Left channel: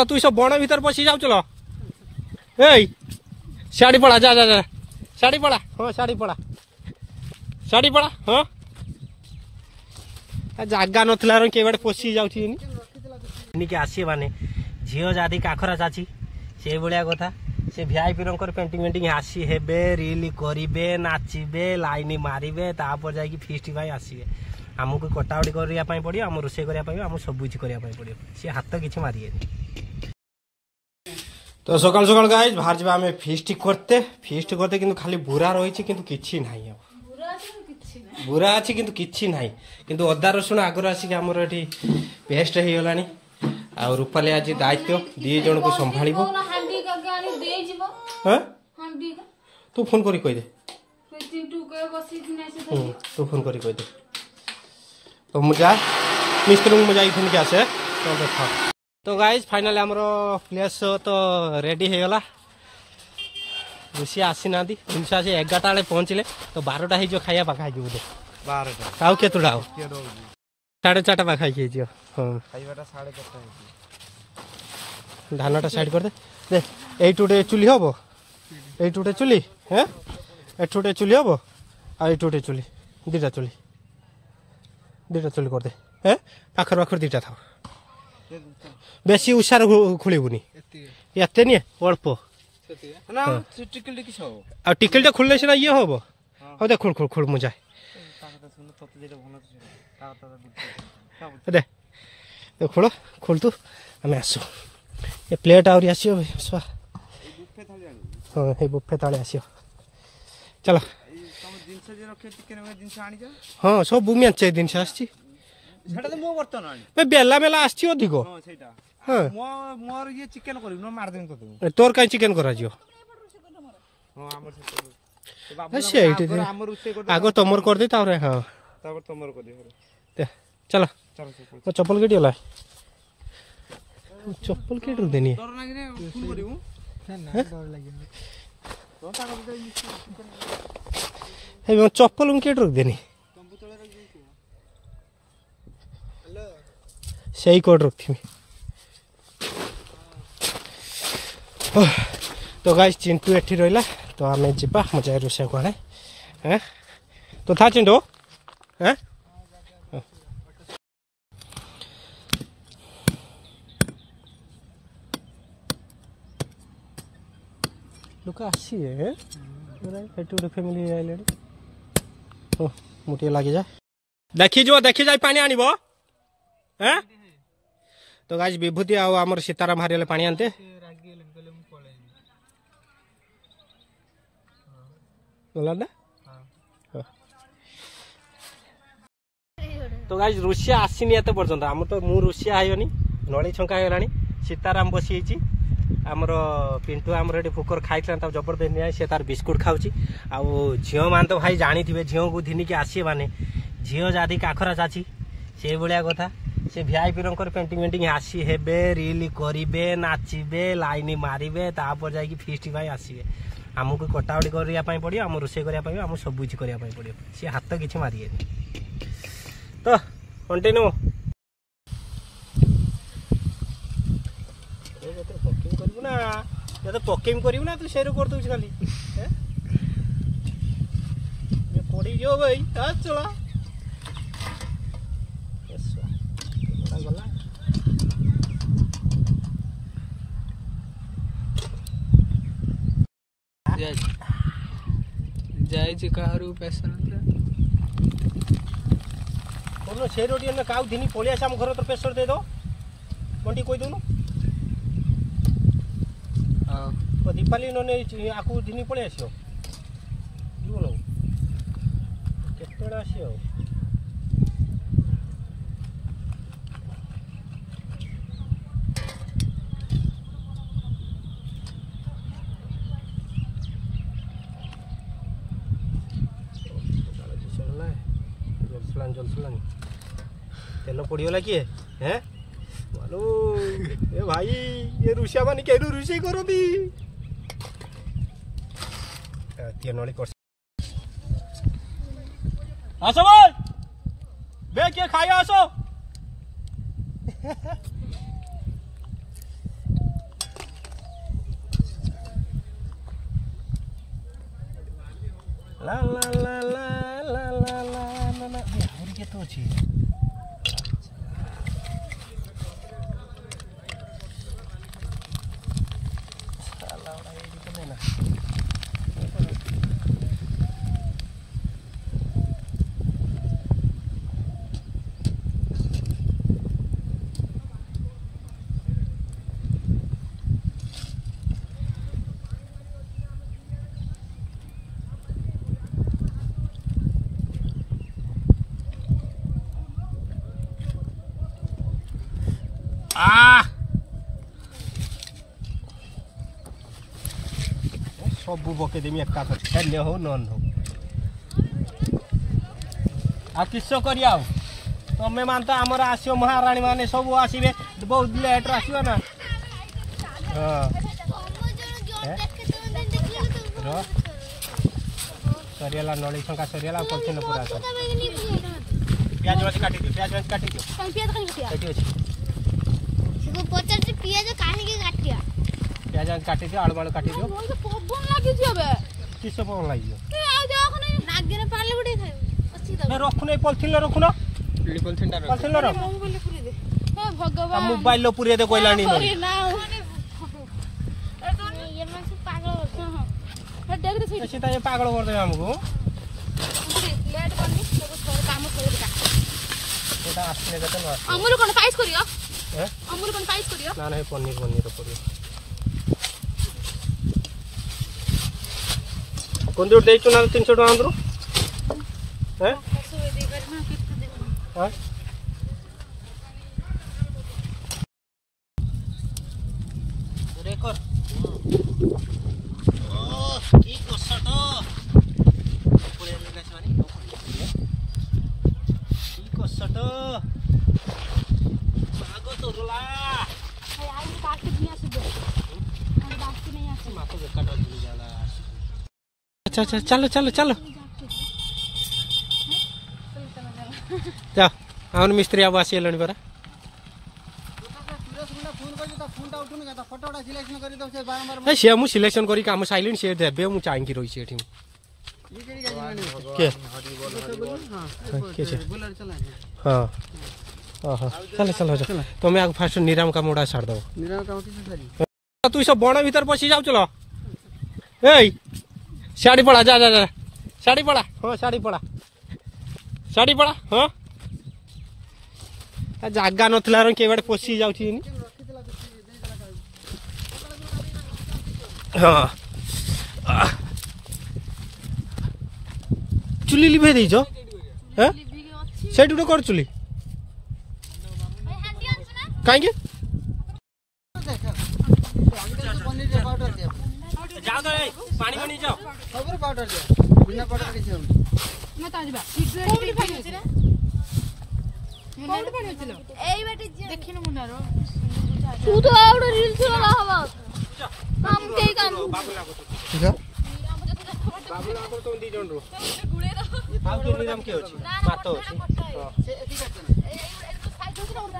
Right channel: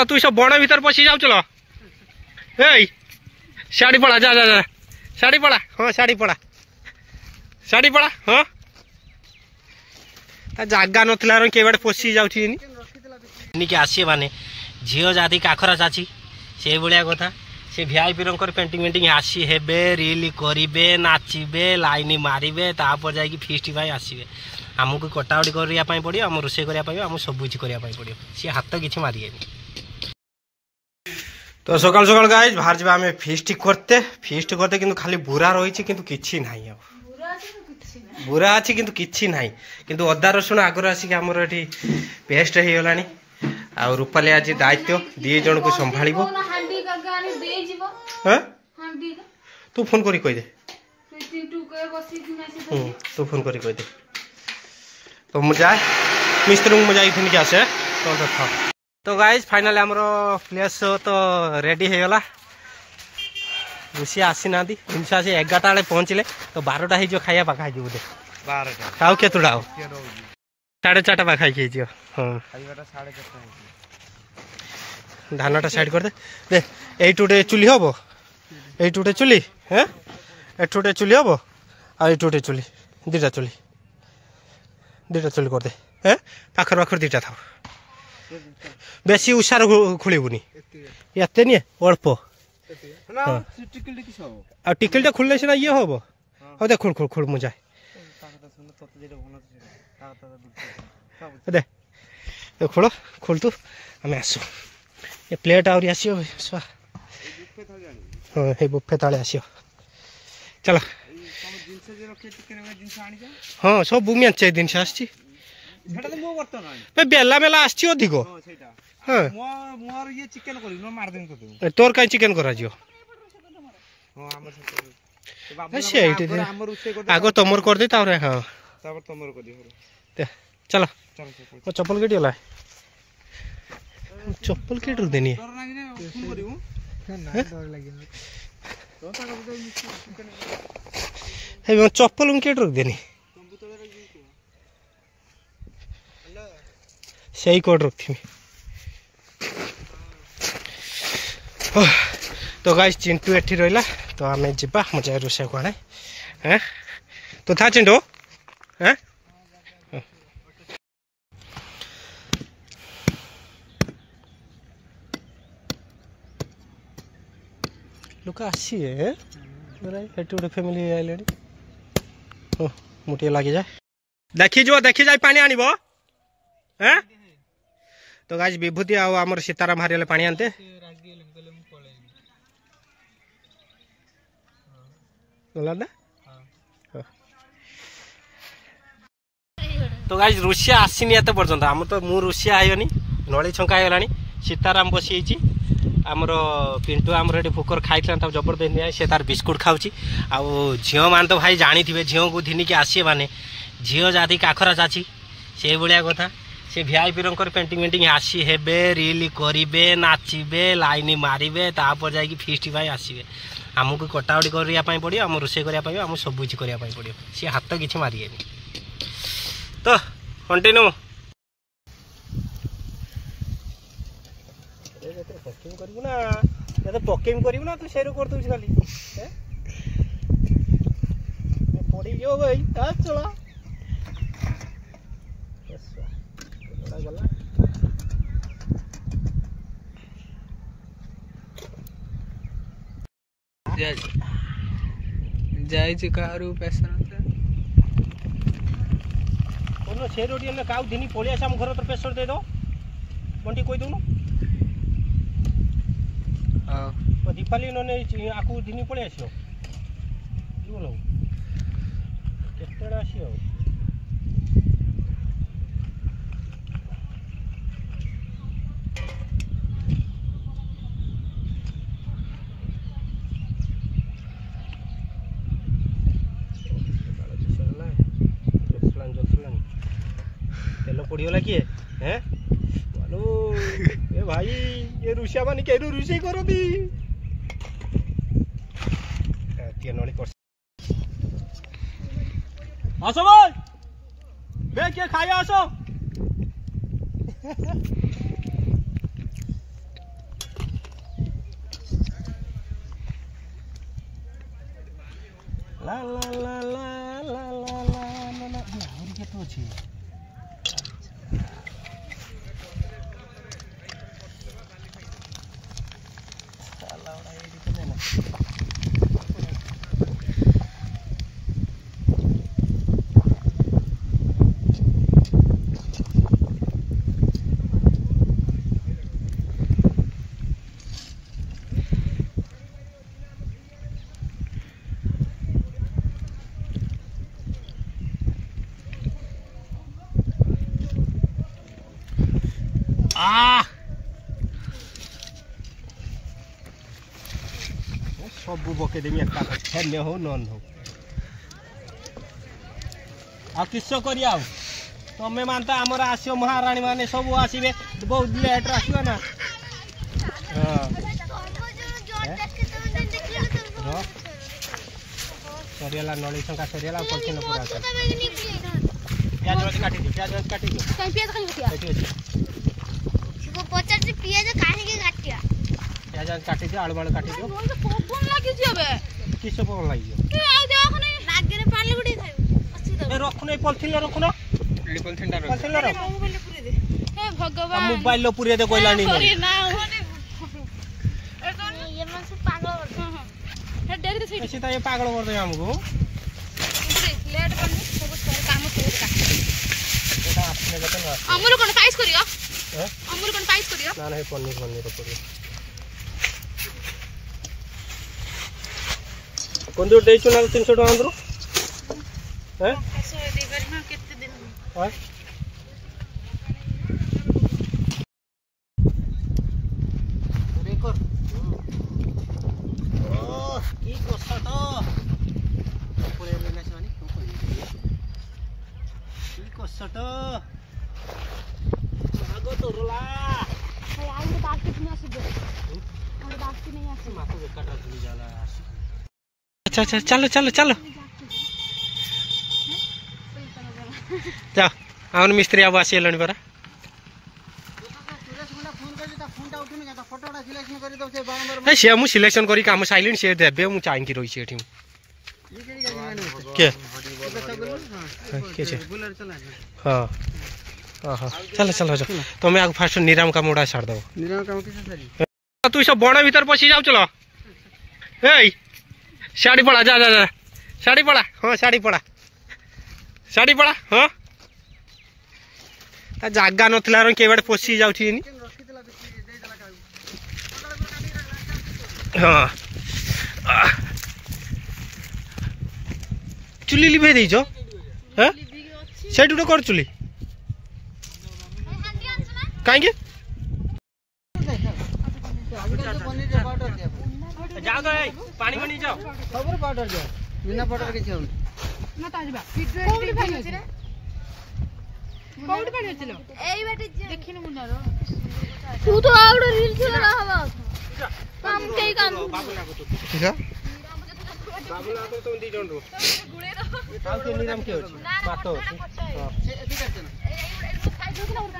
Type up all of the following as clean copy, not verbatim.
तू सब बण भीतर पशि जाऊ चलो साड़ी पड़ा जा जा जा साड़ी पड़ा हाँ साड़ी पड़ा हाँ जगह नथला के बाटे पशि जाऊँगी आसी माने झील जाति काखरा चाची से भाया कथा से वीआईपी पेंटिंग वेंटिंग आसी हेबे रिल करेंगे नाचे लाइन मारे तापर जा फिस्ट आसवे आमको कटाकटी करने पड़ो आम रोषे करने आम सब किसी करने पड़ो सी हाथ किसी मारे तो सकाल सकाल गाइज बाहर जा आम फिस्ट करते कि खाली बुरा रही कि ना बुरा अच्छी किंतु किछि नाही किंतु अदा रसुण आगर आसिक आमर ये पेस्ट हो गलानी आ रूपाली आज दायित्व दी जन को संभाल तू फोन करी कही दे तू फोन करी कही दे तो मुझे जाए मिस्त्री मुझे जाइए आसे तो गाइज फाइनली आमर प्लेस तो रेडी हो गला रुषिया आसी ना जिनस आसी 11टा बेले पहुँचले तो 12टा हो खाइया पाखाई बोधे 12टा खाऊ केतुटा हो 4:30 पाखाई हाँ धानटा साइड कर दे एटुटे चुली हम एटुटे चुली हाँ एटुटे चुली हम आटुटे चुली दीटा चुली कर दे हाँ पाखर पाखर दीटा था बेसी उषार खोलबुनि एते नहीं अल्प टिकलटा खुलने सीना ये हम हाँ दे खोल खोल खोल मुझे दे खोल खोल तू आम आसु ये प्लेट आहरी आस हाँ ये बुफे ताले आस चलो हाँ सब मेचे जिन बेला मेला आधिक हाँ तोर कहीं चिकेन कर आग तुम कर दे हाँ चलो मो चप्पल केटी गला चप्पल केट देनी चप्पल केट देनी सही कोड रखी तो गाइस चिंटू एठी रहिला तो आमे जिबा मुझे रोसे कोणे हैं तो था चिंटू हैं लोक आसी है एठी गोटे फैमिली आइलेनी ओ मुटिए लागि जाए देखी जाए पानी आनिबो हैं तो गाइस विभूति आमर सीताराम हारिले पानी आनते तो गाइस रुषिया आसीनी एत पर्यंत आम तो मु रुषिया आयोनी नड़ी छंका होगलानी सीताराम बसी आमर पिंटू आमर ये फुकर खाई जबरदस्त नहीं से तार बिस्कुट खाऊँ आउ झील मान तो भाई जानी थे झील को धिनिकी आसे माने झील जाति काखरा चाची से भाया कथा से वीआईपी पेंटिंग वेंटिंग आसी हेबे रिल करेंगे नाचे लाइन मारे तापर जा फिस्ट आसवे आमको कटाकटी करने पड़ो आम रोषे करने आम सब किसी करने पड़ो सी हाथ किसी मारे तो कंटिन्यू पकेम करू ना या तो पकेम करू ना तू सेरू कर दूस खाली पड़ी जो भाई आज चला गला जाई कारू पैसा कोनो से रोटी ने काउ दिनी पळि आसे हम घर तो प्रेशर दे दो बंटी कोई दोनो हां तो दीपाली नने आकु दिनी पळि आसियो बोलो केतडा आसियो तेल पड़गला किए हैं बोलो ए भाई ये रुषिया मान कहीं रुषे करती नली कर आसो भाई बे किए खाइए आसो ला ला ला ला ला ला ला ला आहुरी केते अछि साला बड़ा ये तो देना सबू पकईदेमी एक हेल्ले हो नन हो आ किस कर तमें मान तो आमर आस महाराणी मैंने सब आसवे बहुत लेट्रे आस ना सरीगला नली शंका सरीगला पॉलिथिन पूरा प्याज मत काटी दियो प्याज मत काटी दियो प्याज काटी दियो आलू बालू काटी दियो किस पवन लगी रखुन पॉलिथिन रखुन पॉलिथिन मोबाइल पूरे दे कोइला ये पागल कर दे हमको अमूल कोन साइज करियो अमूल कोन साइज करियो ना नहीं पनीर पनीर करियो कोन जो देचो ना 300 टका अंदरो हैं 100 दे कर हां कितने दिन हां रेकर ओ की कोसटो पुरे लेना छवानी की कोसटो भागो तो रोला यार ये बात कितनी आसुबो और बात की नहीं आसु मातो के काटा चली जाला अच्छा अच्छा चलो चलो चलो जाओ आउन मिस्त्री अब आसीलनी परा ए से मु सिलेक्शन करी काम साइलेंट से देबे मु चाहि की रही सेठी के के से हां हां चलो चलो चलो तुम आग फास्ट निराम का मोड़ा छाड़ दो निराम का किसे सारी तू सब बण भीतर पसी जाऊ चलो ए साड़ी पड़ा जा जा जा साड़ी पड़ा हां साड़ी पड़ा हां ता जागा नथला र केबड पसी जाऊ छी नी हां चुली लिभे देई जो हैं सेट उडो कर चुली काहे के जा दो ए पानी में नहीं जाओ खबर पाउडर दे बिना पाउडर के छे मत आजबा कोडी भाई होछ रे कोडी भाई होछ एई बेटे देखिन मुनारो तू तो आउडर रील चला हवा काम के काम बाबू लागो तो ठीक है बाबू लागो तो दी जन रो हाउ के निराम के होछ मातो होछ हां से ठीक है खाइ दो ना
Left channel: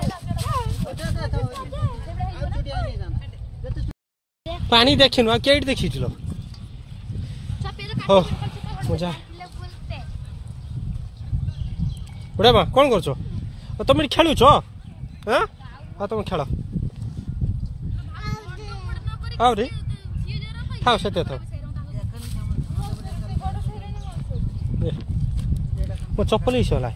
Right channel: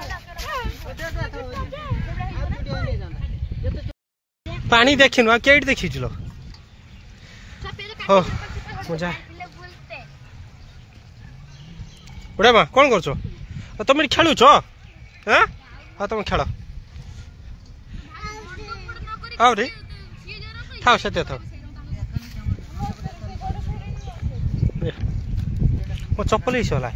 पानी देखिन आ केट देखि छलो हो मजा उडे बा कोन करछो तुम खेलु छो हैं आ तुम खेल आओ रे थाओ सते थाओ मो चप्पल ही होला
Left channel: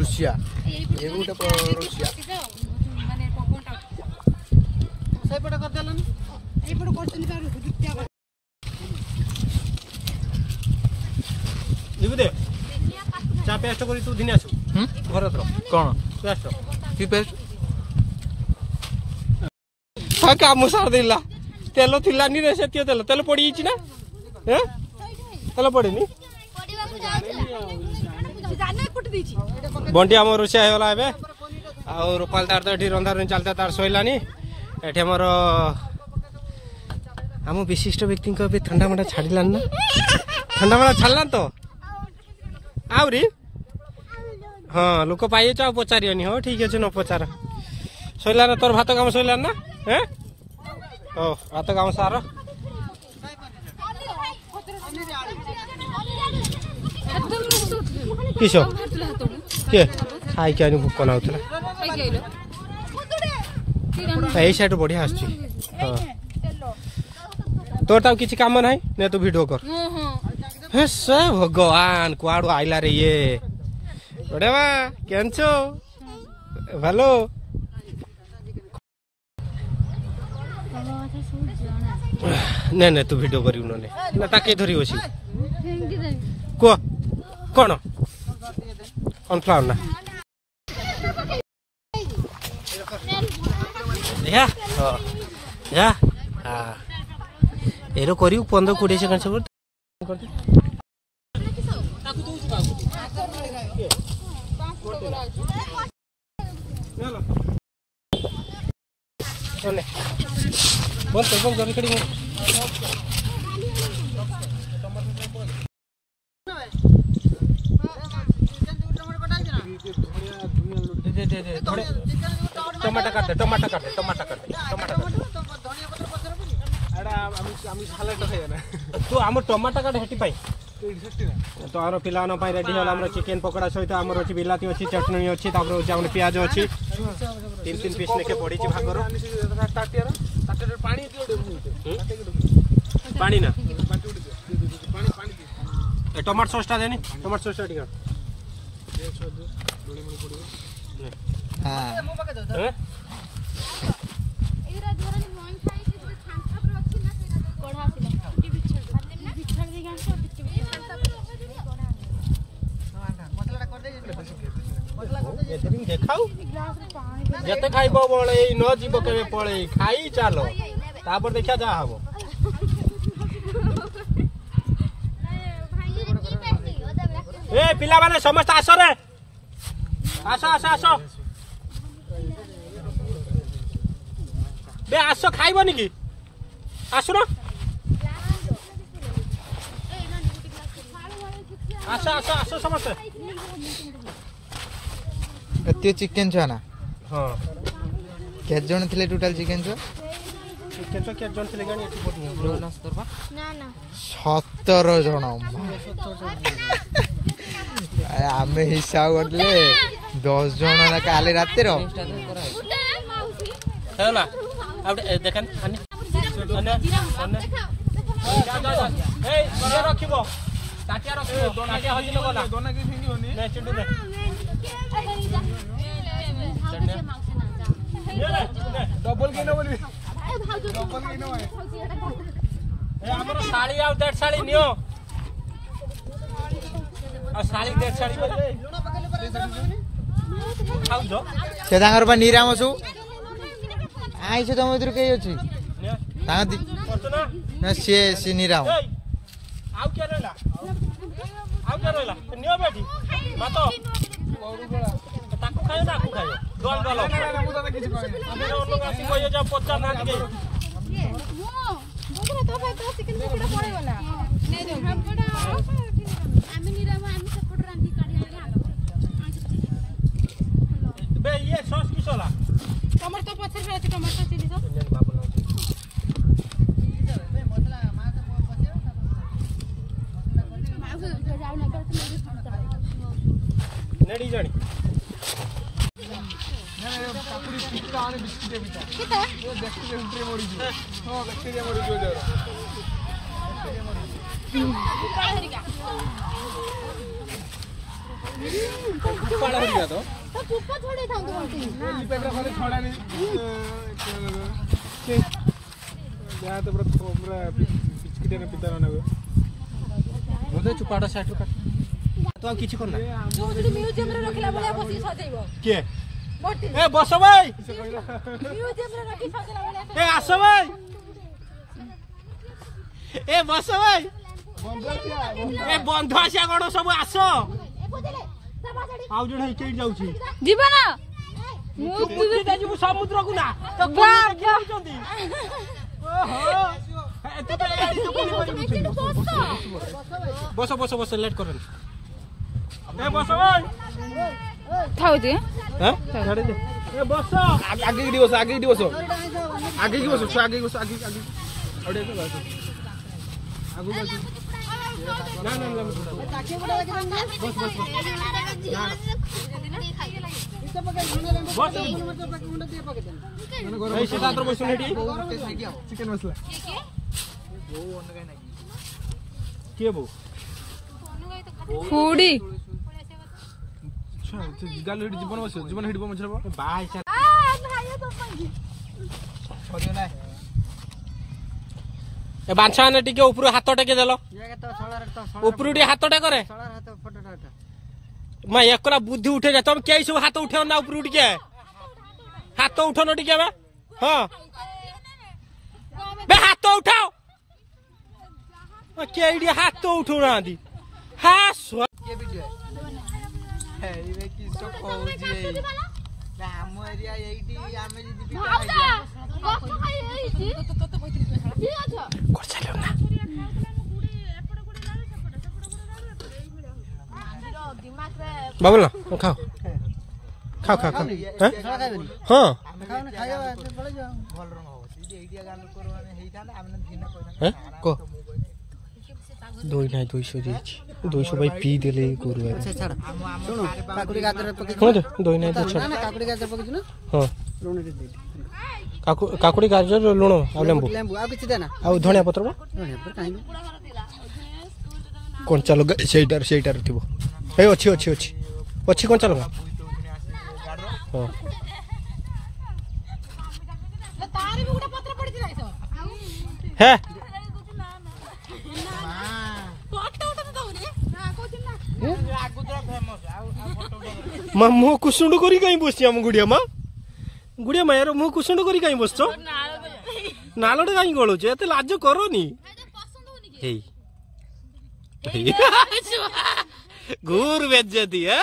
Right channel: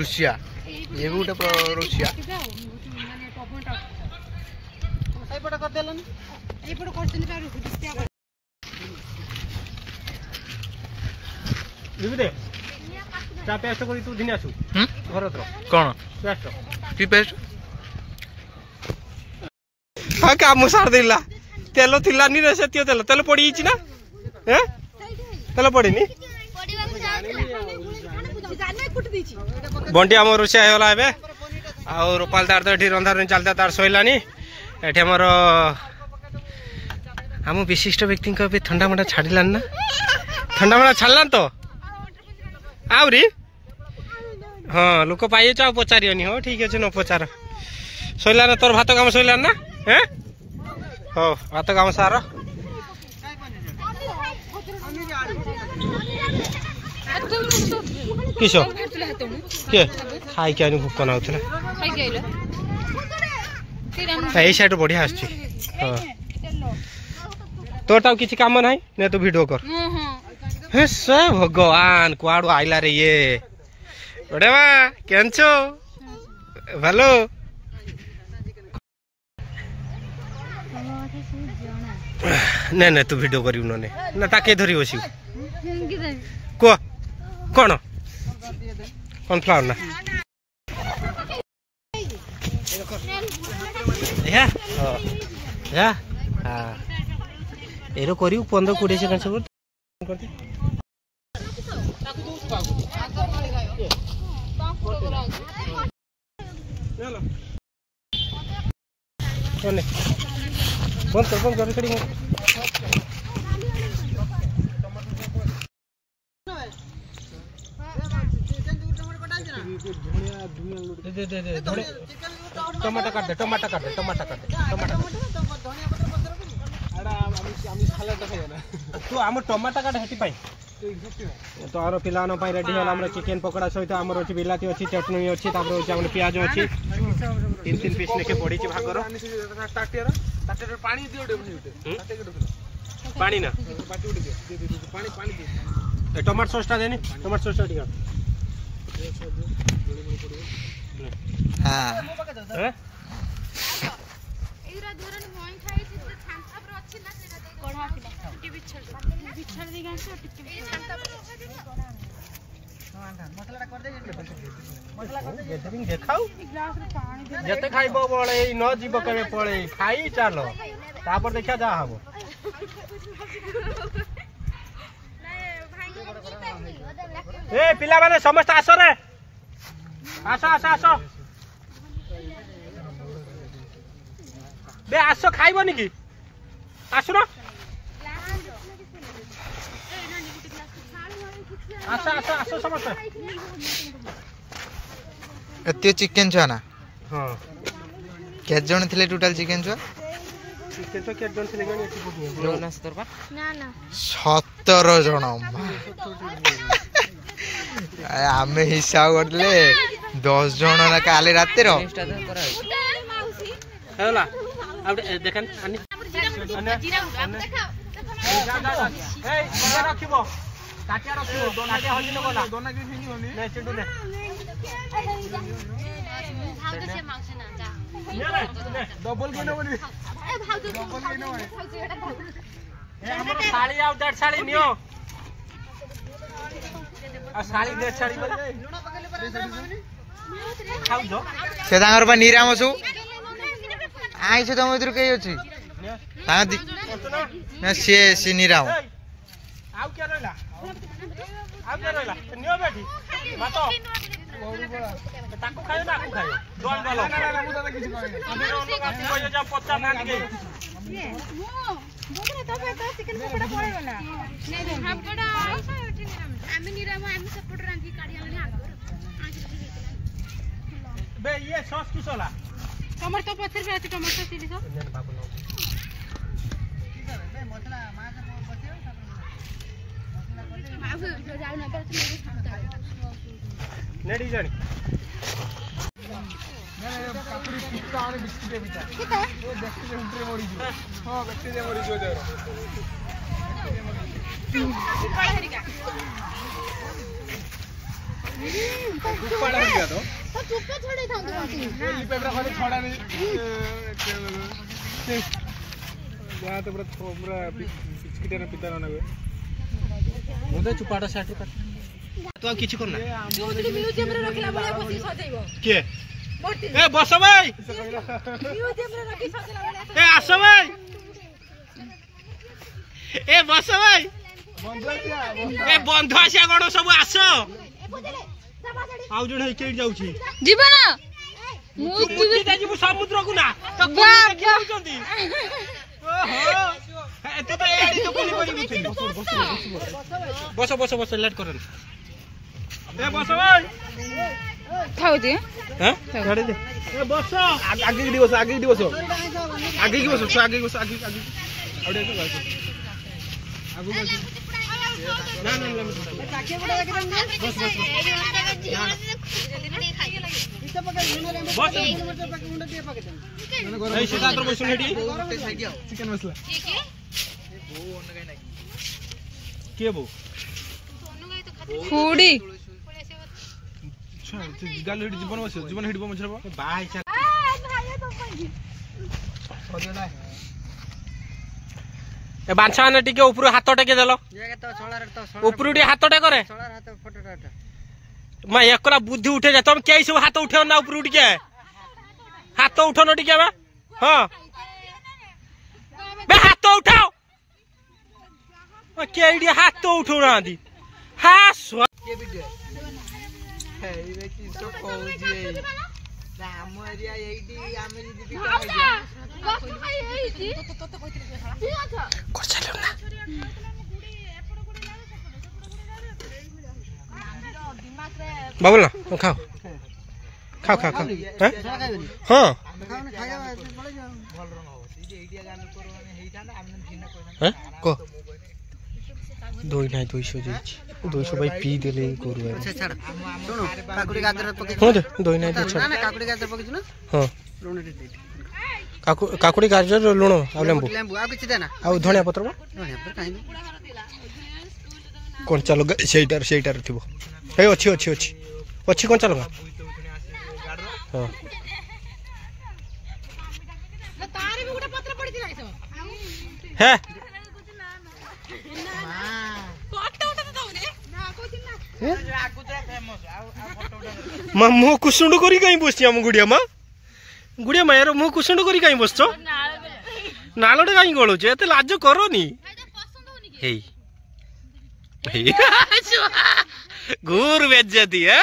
रुसिया ये गोटे रुसिया सेपट कर देलन एपट क्वेश्चन पे रुसिया लिबे दे चा पेस्ट करी तू दिने आसु घर तो कोन पेस्ट की पेस्ट हा काम सार देला तेल थिलानी रे सेतियो तेल तेल पड़ी ना हैं तेल पड़ीनी बंटी आम रोषिया होगा ए आ रूपाल तार तो ये रंधा रही चलता तार शोलानी ये मोर आम विशिष्ट व्यक्ति ठंडा मंडा छाड़लान ना ठंडा मंडा छाड़लान तो आहरी हाँ लोक पाइए आ पचारिनी हो ठीक अच्छे न पचार शोलान तोर भात काम शोलान ना हैं हो भात काम सार किस किए खाई क्या भोक नाला यही साइड बढ़िया आस तोर किसी काम ना ने तू वीडियो कर हे से भगवान कुआड़ आइला रे ये बड़े बा केंचो भलो ने ने तू वीडियो करी उन्होंने ना ताके धरी बसी को कौन कॉर्नफ्लावर ना या या हां एरो करी 15-20 सेकंड सब करते चलो चले बंद कर खड़ी टमाटर काट दे टमाटर काट दे टमाटर काट दे तू आम टमाटर काट हेटी पाई तो आम पिलान रेडी होला हमर चिकन पकोड़ा सहित आमर अछि बिलाती अछि चटनी अछि तापर अछि हमर प्याज अछि 3 पीस लेके पड़ी छि भागर पानी दियो पानी ना टमाटर सॉस टा देनी टमाटर सॉस टा दियो हां ए इरा धरन मोई खाई छि छांता पर अछि ना सेरा कोढ़ा आसिला टी बिछड़ दे गांस टी छांता पर मसला कर दे एतबिंग देखाऊ जते खाइबो बळे न जीव केबे पळे खाई चालो तापर देखिया जा हबो ए पिला माने समस्त आसो रे आसो आसो आसो बे आसो खाइबनी की आसु ना आसो आसो आसो समस्त एते चिकन छा ना हां के जण थिले टोटल चिकन छा के जण थिले गण एति बहुत नहीं ना सरबा ना ना 17 जण आमे हिसाब करले 10 जण ना काले राते रो हैला अब देखन अनि ए बड़ा रखिबो काटिया रखिबो काटिया हजि न गला दोना के फिंगी होनी ने चिंटू ने डबल के न बोली डबल के न होय ए हमर साड़ी आउ डेढ़ साड़ी नियो आ साड़ी डेढ़ साड़ी खाउ जो से तांगर बा निरामसु आई से तुम इधर कई अछि तांग ना से निराम आउ क्या रहला नियो बेटी मातो औरु बड़ा ताको खायो ना आकु खायो दोल दोल ना मु त किछ कहै हमर लोग आसी कोइ जा 50 ना के मो बोतरा तो भाई तो चिकन पकोड़ा पड़े वाला नहीं हम कड़ा आमी निराम आमी सपोर्ट रांधी काढी आले बे ये सॉस किस होला टमाटर तो पत्थर पे আছে टमाटर चिली सॉस बाबू बे मसला मां से पसे मां से जाऊ ना पर नेडी जानी ना काकुड़ी पिस्ता और बिस्कुट बिता किता वो बैक्टीरिया उंटरे मोड़ी जो हां बैक्टीरिया मोड़ी जो दे पाला हो गया तो चुप्पा छोड़े था तो लिपेबरा खाली छोड़ा नहीं या तो पूरा बिस्किट ना पिता ना मोदे चुपाटा साइड काट तो किछि करना म्यूजियम रे रखला बळे बसी सदैव के ए बस भाई म्यूजियम रे रखी सदैव बळे ए आस भाई ए बस भाई ए बंधु आसिया कौन सब आस आउ जण हेकि जाउछि जीवन जीवु समुद्र को ना तो जाउछंती ओहो तू तो एडी तो पुली पड़ी बस बस बस लेट करन ए बस भाई खाऊ दे हां गाड़ी दे ए बस आगे की बस आगे की बस आगे की बस आगे की बस आगे आगे आउडे के बस आगु बस ना ना ना बस बस बस ए सीधा तर बसुन हेडी चिकन मसला ठीक है के बो फूडी गाल हेडी जीवन हेडी मछरा बाय चल ए बांछा ने टिके ऊपर हाथ टेके देलो ऊपर टी हाथ टे करे मैं एकला बुद्धि उठे जा तुम कई सब हाथ उठे ना ऊपर टिके हाथ उठो न टिके हां बे हाथ उठाओ केडी हाथ उठो ना दी हां के वीडियो है रे की सो कोजी राम एरिया एडी आमे जदी कर चलो ना बाबूल ना खाओ खाओ खाओ खाओ हां हां को 200 जाइछि 200 भाई पी देले करू अच्छा छाड़ सुनो काकुड़ी गाजर पके हां दे 2 ना काकुड़ी गाजर पके ना हां लूण दे काकुड़ी गाजर लूण आ लेंबू लेंबू आ किछि देना आ धनिया पत्र धनिया पत्र काई कंचा लगा सेटार थिबो ए अछि अछि अछि अछि कंचा लगा हां तारे भी गुडा पत्र पड़ी थी है मुह कुसुंड करी कहीं बसছি हम गुड़िया माँ यार मुह कुसुंड करी कहीं बसछ नालटे कहीं गलुछ एते लाज करनी हे घूर बेज्जती है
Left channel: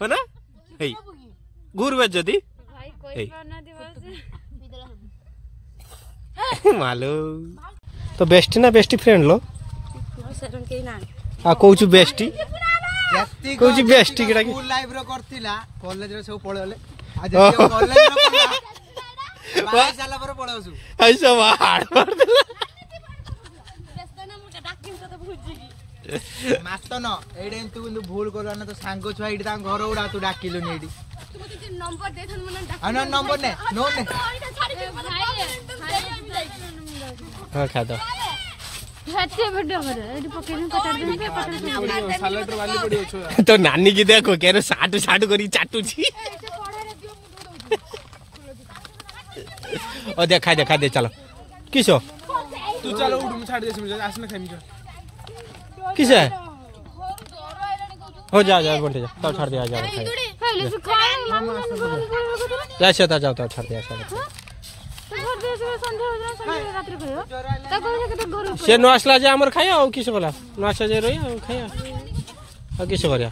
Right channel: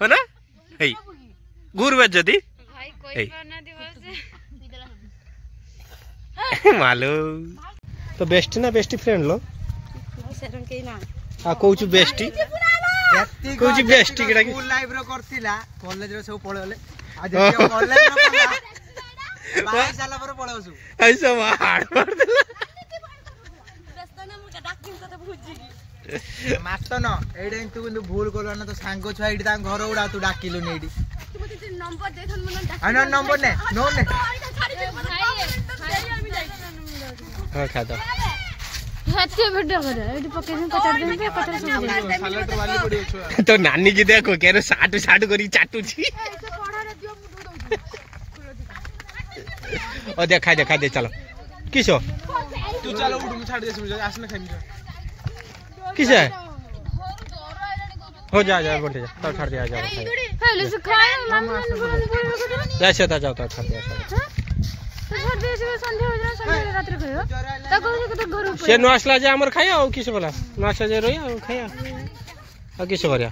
ना हे घूर बेज्जती मालो तो बेस्टी ना बेस्टी फ्रेंड लो आ कहू बेस्टी कहू बेस्टी केटा स्कूल लाइफ रो करथिला कॉलेज रो सब पळले आज कॉलेज रो बाई साला पर पळाउसु ऐसा हाड़ मार देला मास्तो न एडे तू কিন্তু ভুল করল না তো সাঙ্গ ছুয়া এডি তা ঘর উড়া তু ডাকিলু নি এডি नंबर दे थन मन আনা নম্বর নে নো নে हां खा दो सच्चे वीडियो कर एडी पकेन पचार दिन पे सालेटर वाली पड़ी छ तो नानी की देखो केरे साटू साटू करी चाटू छी ओ देखा दे चलो किसो तू चलो उड़ मु छाड़ दे मुझे आसने खानी किस है हो जा बंटे जा तब छाड़ दिया जा पहले से खाए जैसे था जाओ तब छाड़ दिया से नो आसला जे हमर खाया और किस बोला नो आसला जे रोया खाया और किस करया